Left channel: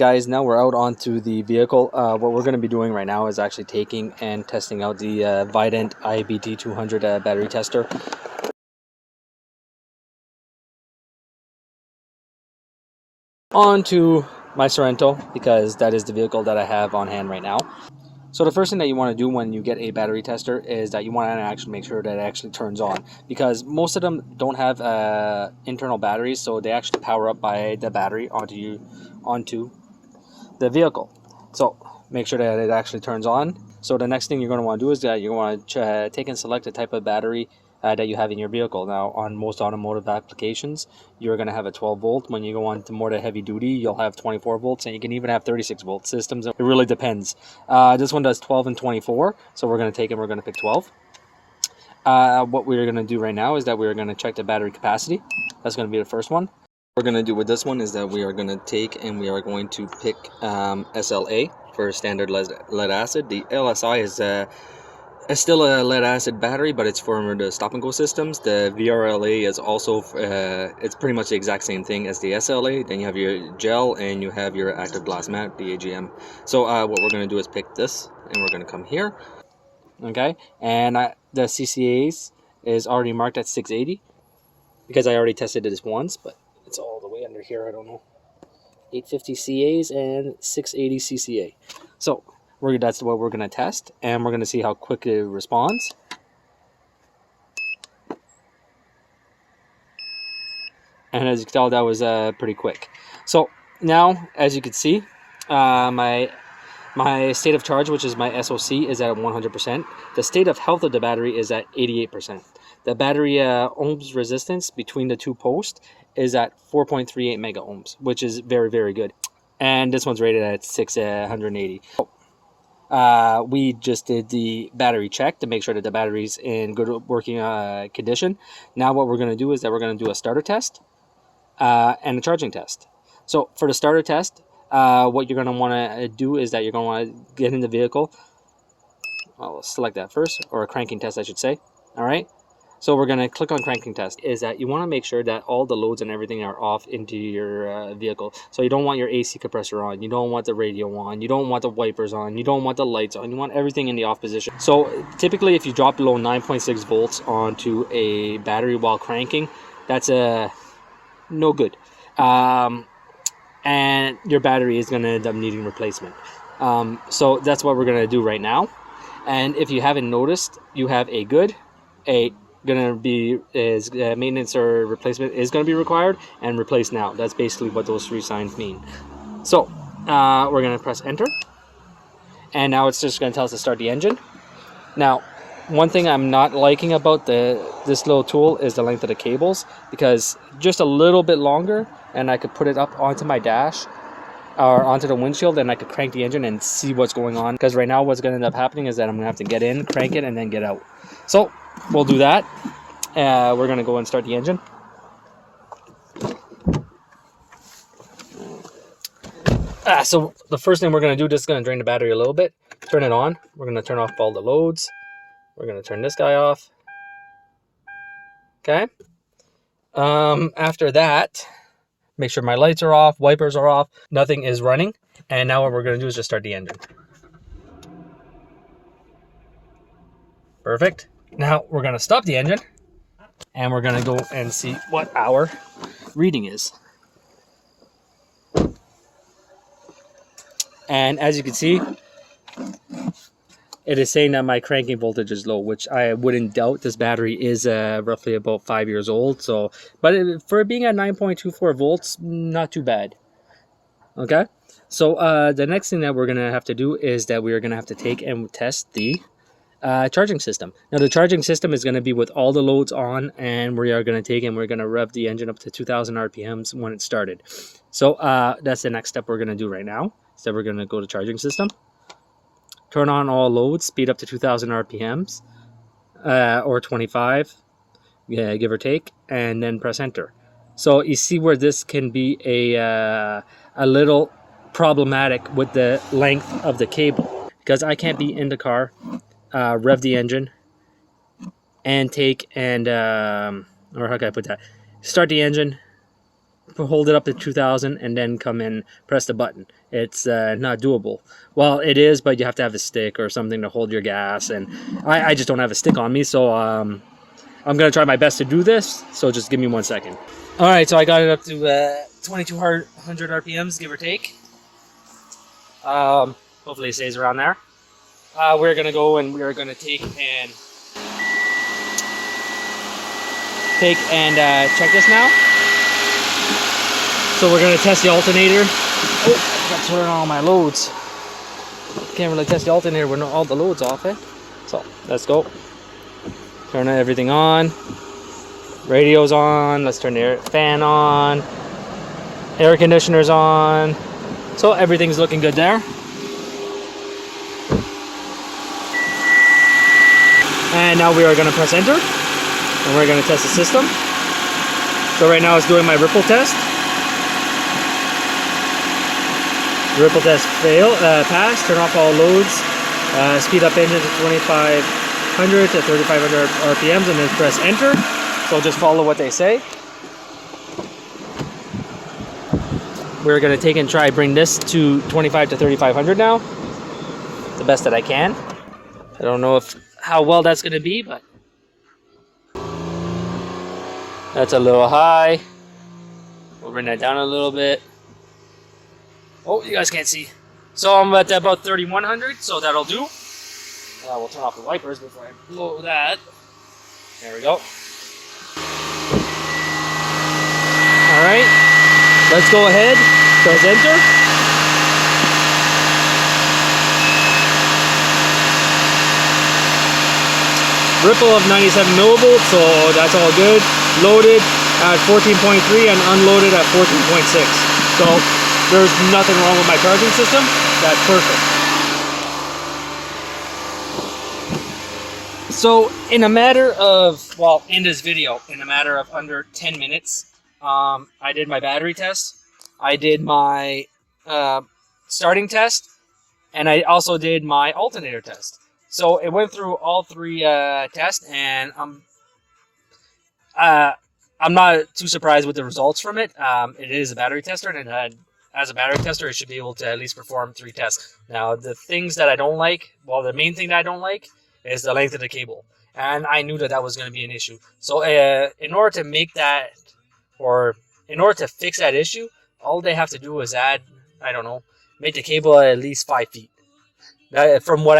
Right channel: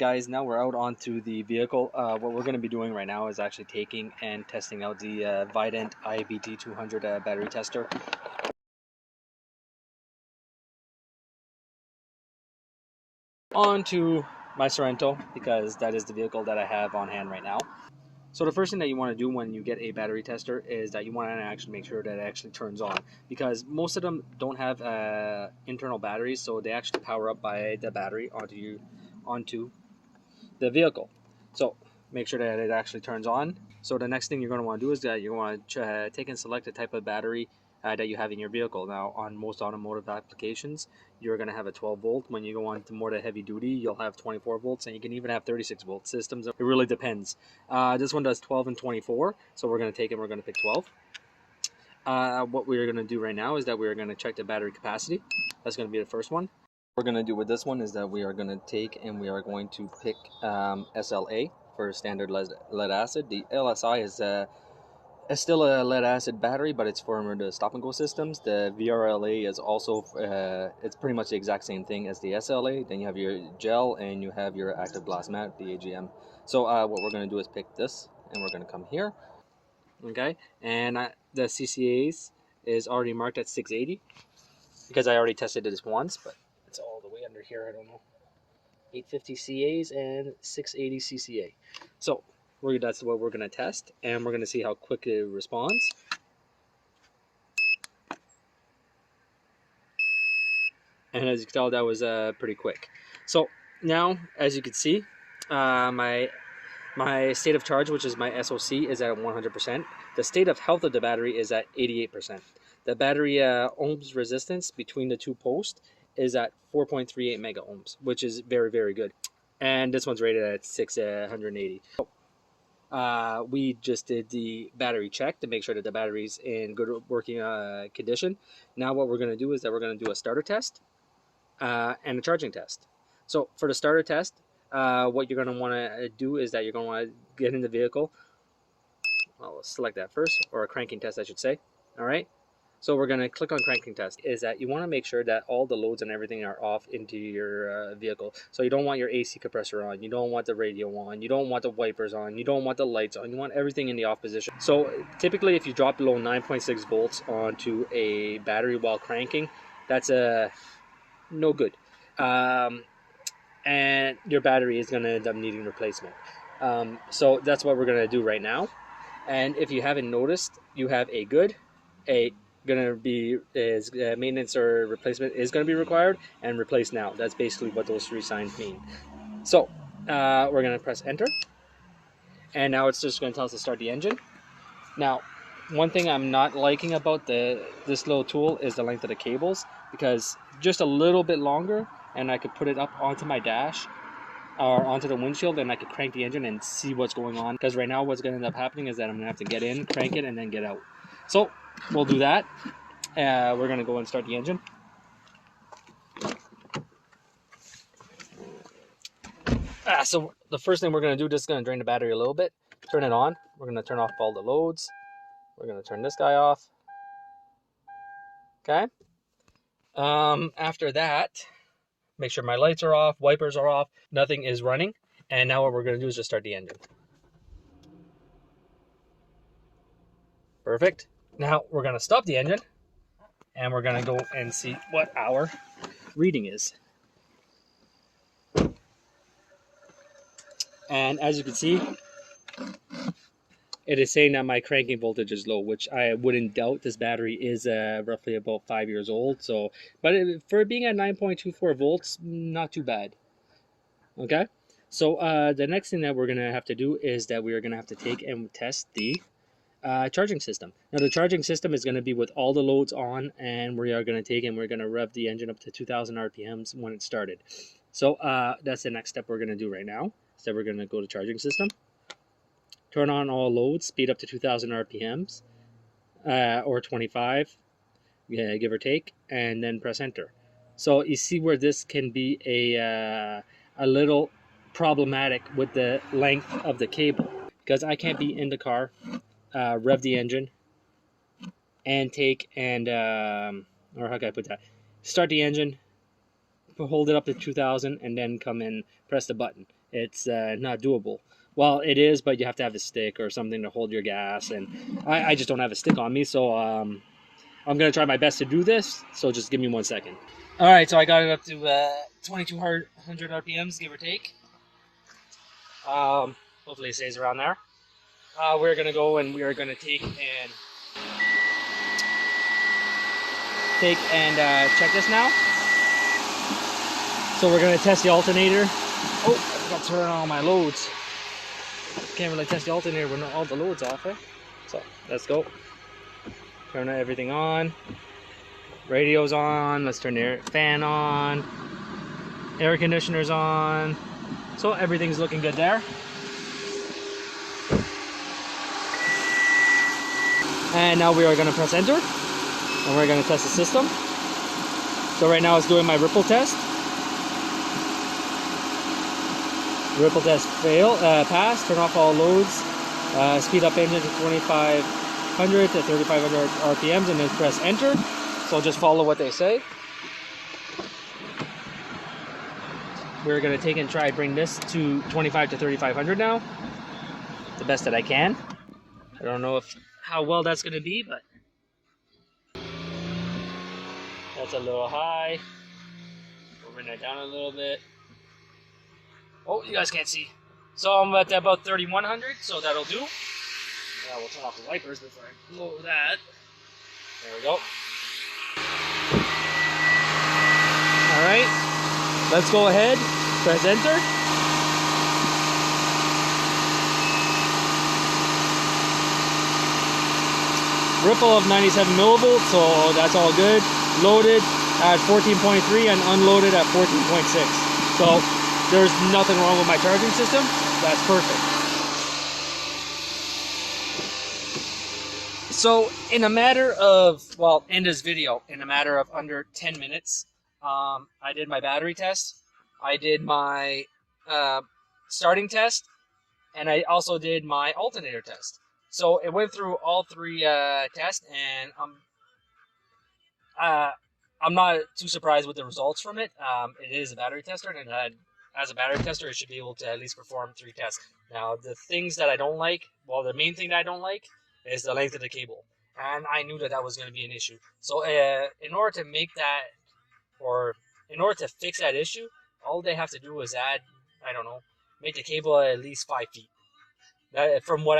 Alright guys, now we're out onto the vehicle. What we're going to be doing right now is actually taking and testing out the Vident IBT200 battery tester. On to my Sorrento, because that is the vehicle that I have on hand right now. So the first thing that you want to do when you get a battery tester is that you want to actually make sure that it actually turns on, because most of them don't have internal batteries, so they actually power up by the battery onto the vehicle. So make sure that it actually turns on. So the next thing you're going to want to do is that you want to take and select the type of battery that you have in your vehicle. Now, on most automotive applications, you're going to have a 12 volt. When you go on to more to heavy duty, you'll have 24 volts, and you can even have 36 volt systems. It really depends. This one does 12 and 24, so we're going to take and we're going to pick 12. What we're going to do right now is that we're going to check the battery capacity. That's going to be the first one. What we're going to do with this one is that we are going to take and we are going to pick SLA for standard lead acid. The LSI is still a lead acid battery, but it's for the stop and go systems. The VRLA is also it's pretty much the exact same thing as the SLA. Then you have your gel and you have your active glass mat, the AGM. So what we're going to do is pick this, and we're going to come here. Okay, and the CCAs is already marked at 680 because I already tested this once, but it's all the way under here. I don't know. 850 CAs and 680 CCA. So that's what we're going to test, and we're going to see how quick it responds. And as you can tell, that was pretty quick. So now, as you can see, my state of charge, which is my SOC, is at 100%. The state of health of the battery is at 88%. The battery ohms resistance between the two posts is at 4.38 mega ohms, which is very, very good. And this one's rated at 680. We just did the battery check to make sure that the battery's in good working condition. Now what we're going to do is that we're going to do a starter test and a charging test. So for the starter test, what you're going to want to do is that you're going to want to get in the vehicle. I'll select that first, or a cranking test I should say. Alright, so we're going to click on cranking test. Is that you want to make sure that all the loads and everything are off into your vehicle. So you don't want your AC compressor on, you don't want the radio on, you don't want the wipers on, you don't want the lights on, you want everything in the off position. So typically if you drop below 9.6 volts onto a battery while cranking, that's no good. And your battery is going to end up needing replacement. So that's what we're going to do right now. And if you haven't noticed, you have a good, maintenance or replacement is going to be required, and replace now. That's basically what those three signs mean. So we're going to press enter, and now it's just going to tell us to start the engine. Now, one thing I'm not liking about this little tool is the length of the cables, because just a little bit longer and I could put it up onto my dash or onto the windshield, and I could crank the engine and see what's going on. Because right now what's going to end up happening is that I'm going to have to get in, crank it, and then get out. So we'll do that. We're going to go and start the engine. So the first thing we're going to do, just going to drain the battery a little bit, turn it on. We're going to turn off all the loads. We're going to turn this guy off. Okay. After that, make sure my lights are off, wipers are off, nothing is running. And now what we're going to do is just start the engine. Perfect. Now we're going to stop the engine, and we're going to go and see what our reading is. And as you can see, it is saying that my cranking voltage is low, which I wouldn't doubt. This battery is roughly about 5 years old. So, but for being at 9.24 volts, not too bad. Okay. So the next thing that we're going to have to do is that we are going to have to take and test the charging system. Now the charging system is going to be with all the loads on, and we are going to take and we're going to rev the engine up to 2000 RPMs when it started. So that's the next step we're going to do right now. So we're going to go to charging system, turn on all loads, speed up to 2000 RPMs or 25, yeah, give or take, and then press enter. So you see where this can be a little problematic with the length of the cable, because I can't be in the car, rev the engine, and take and or how can I put that? Start the engine, hold it up to 2000, and then come in, press the button. it's not doable. Well, it is, but you have to have a stick or something to hold your gas, and I just don't have a stick on me, so I'm gonna try my best to do this. So just give me 1 second. All right, so I got it up to 2200 RPMs, give or take. Hopefully it stays around there. We're gonna go and we are gonna take and check this now. So we're gonna test the alternator. Oh, I got to turn on all my loads. Can't really test the alternator with all the loads off, eh? So let's go. Turn everything on. Radio's on. Let's turn the fan on. Air conditioner's on. So everything's looking good there. And now we are going to press enter. And we're going to test the system. So right now it's doing my ripple test. Ripple test pass. Turn off all loads. Speed up engine to 2500 to 3500 RPMs and then press enter. So just follow what they say. We're going to take and try bring this to 25 to 3500 now. The best that I can. I don't know how well that's going to be, but that's a little high. We'll bring that down a little bit. Oh, you guys can't see. So I'm at about 3100, so that'll do. We'll turn off the wipers before I blow that. There we go. Alright, let's go ahead, press enter. Ripple of 97 millivolts, so that's all good. Loaded at 14.3 and unloaded at 14.6. So there's nothing wrong with my charging system. That's perfect. So in a matter of, well, in this video, in a matter of under 10 minutes, I did my battery test. I did my starting test. And I also did my alternator test. So it went through all three tests, and I'm not too surprised with the results from it. It is a battery tester, and as a battery tester, it should be able to at least perform 3 tests. Now, the things that I don't like, well, the main thing that I don't like is the length of the cable. And I knew that that was going to be an issue. So in order to make that, or in order to fix that issue, all they have to do is add, I don't know, make the cable at least 5 feet. From what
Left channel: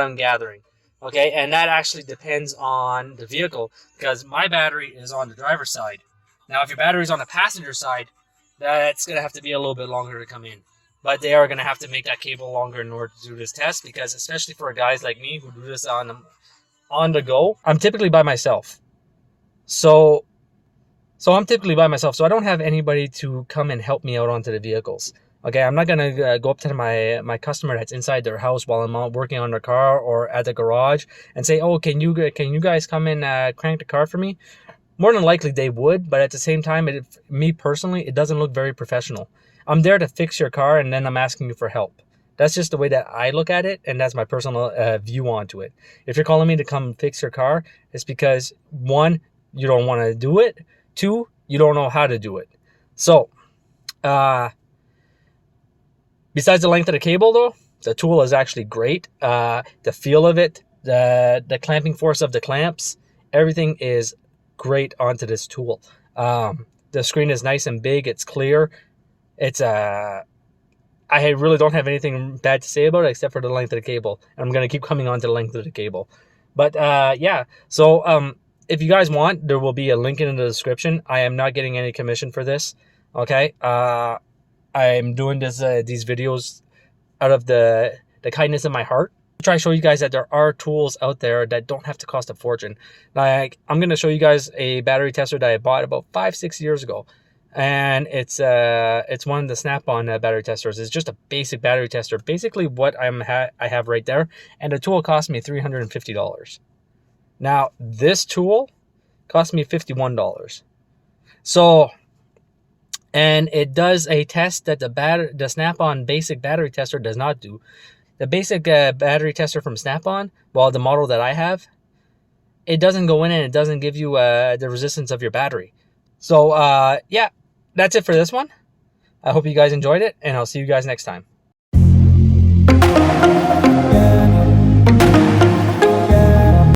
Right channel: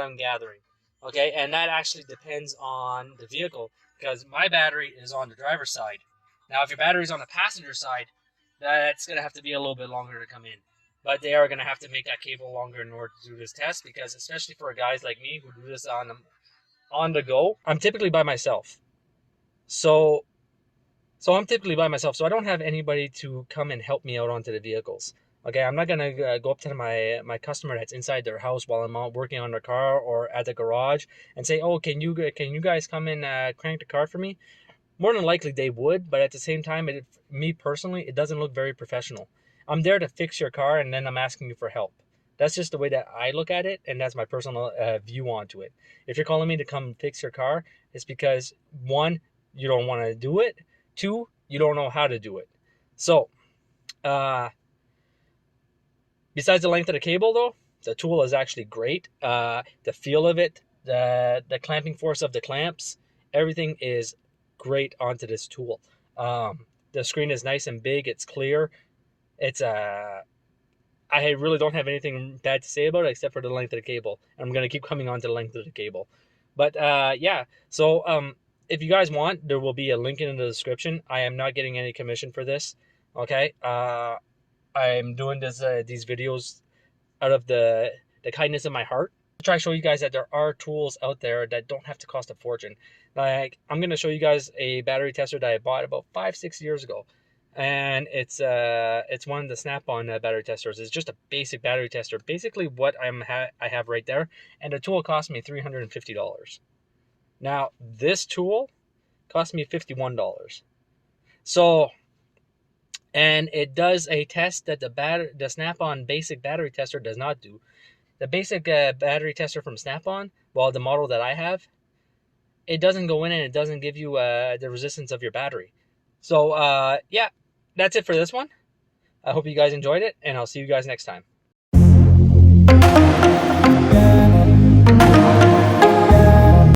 I'm gathering. Okay, and that actually depends on the vehicle, because my battery is on the driver's side. Now, if your battery is on the passenger side, that's going to have to be a little bit longer to come in. But they are going to have to make that cable longer in order to do this test, because especially for guys like me who do this on the go, I'm typically by myself. So I'm typically by myself, so I don't have anybody to come and help me out onto the vehicles. Okay, I'm not gonna go up to my customer that's inside their house while I'm out working on their car or at the garage and say, "Oh, can you guys come and crank the car for me?" More than likely they would, but at the same time, me personally, it doesn't look very professional. I'm there to fix your car, and then I'm asking you for help. That's just the way that I look at it, and that's my personal view onto it. If you're calling me to come fix your car, it's because 1, you don't want to do it. 2, you don't know how to do it. So, besides the length of the cable, though, the tool is actually great. The feel of it, the clamping force of the clamps, everything is great onto this tool. The screen is nice and big. It's clear. I really don't have anything bad to say about it except for the length of the cable. I'm going to keep coming on to the length of the cable. But yeah, so if you guys want, there will be a link in the description. I am not getting any commission for this. Okay. I'm doing these videos out of the kindness of my heart. To try to show you guys that there are tools out there that don't have to cost a fortune. Like, I'm going to show you guys a battery tester that I bought about 5-6 years ago. And it's one of the Snap-on battery testers. It's just a basic battery tester. Basically what I have right there. And the tool cost me $350. Now, this tool cost me $51. So, and it does a test that the Snap-on basic battery tester does not do. The basic battery tester from Snap-on, well, the model that I have, it doesn't go in and it doesn't give you the resistance of your battery. So, yeah, that's it for this one. I hope you guys enjoyed it, and I'll see you guys next time.